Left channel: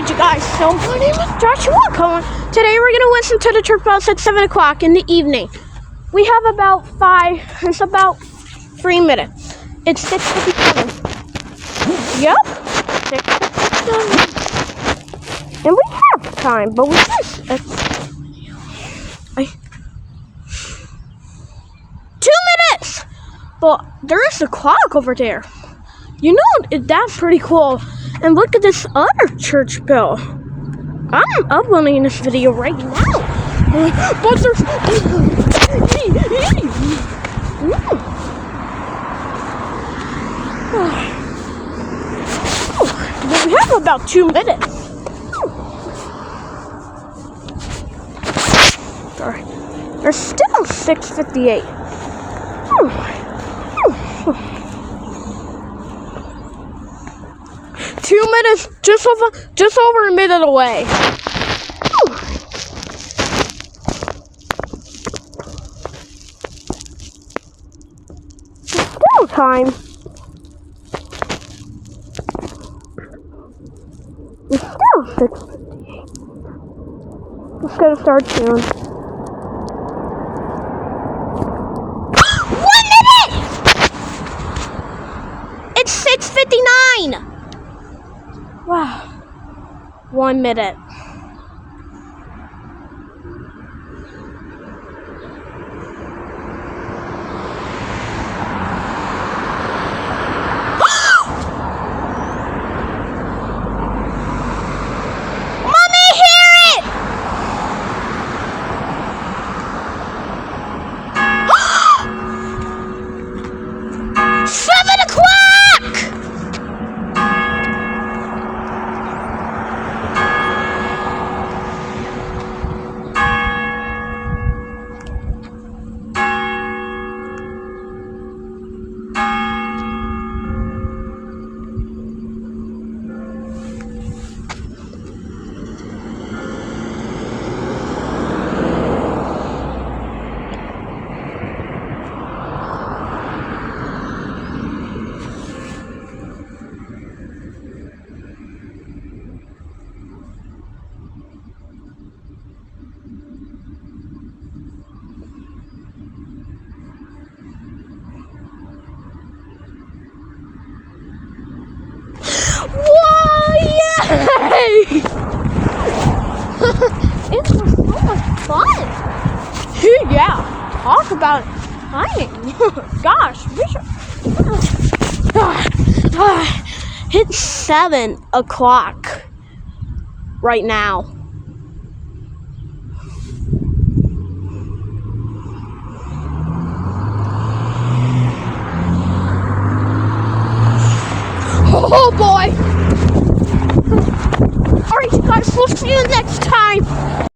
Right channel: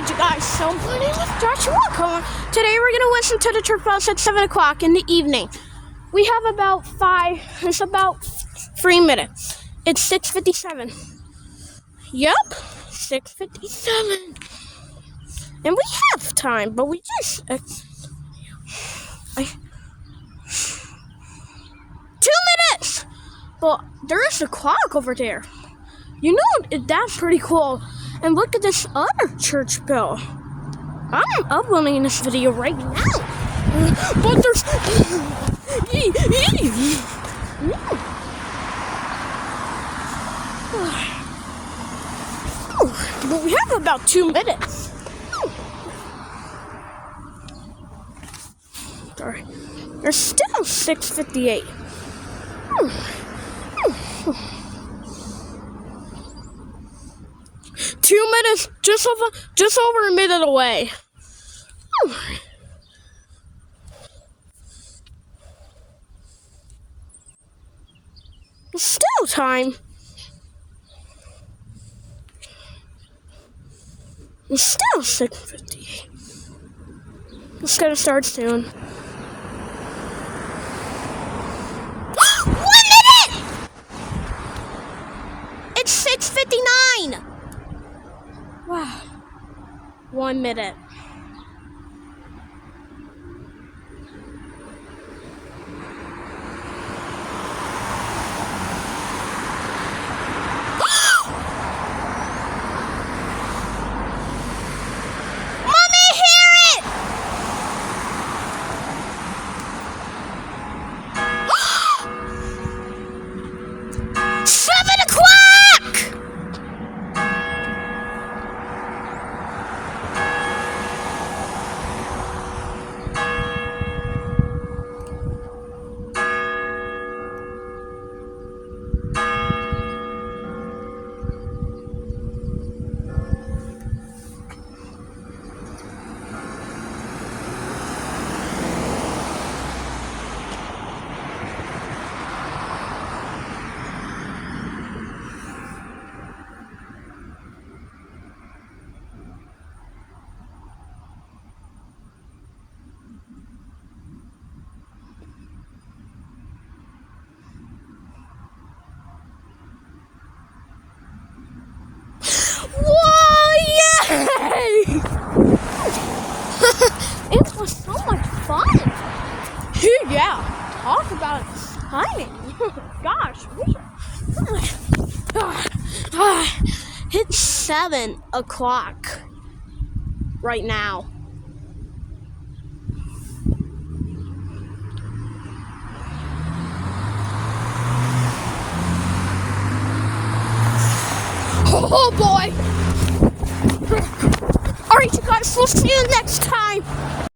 Alright, you guys, so my name is Joshua Cohen. Today we're going to listen to the church bells at 7 o'clock in the evening. We have about 3 minutes. It's 6:57. Yep, 6:57. And we have time, but we just... 2 minutes! But there is a clock over there. You know, that's pretty cool. And look at this other church bell. I'm uploading this video right now. But there's... But we have about 2 minutes. Sorry. There's still 6:58. 2 minutes, just over a minute away. There's still time. It's still 6:58. It's gonna start soon. 1 minute! It's 6:59. Wow. 1 minute. Mommy, hear it! Seven o'clock! It was so much fun. Yeah, talk about exciting. Gosh, we should. It's 7 o'clock right now. Oh boy. Alright guys, we'll see you next time.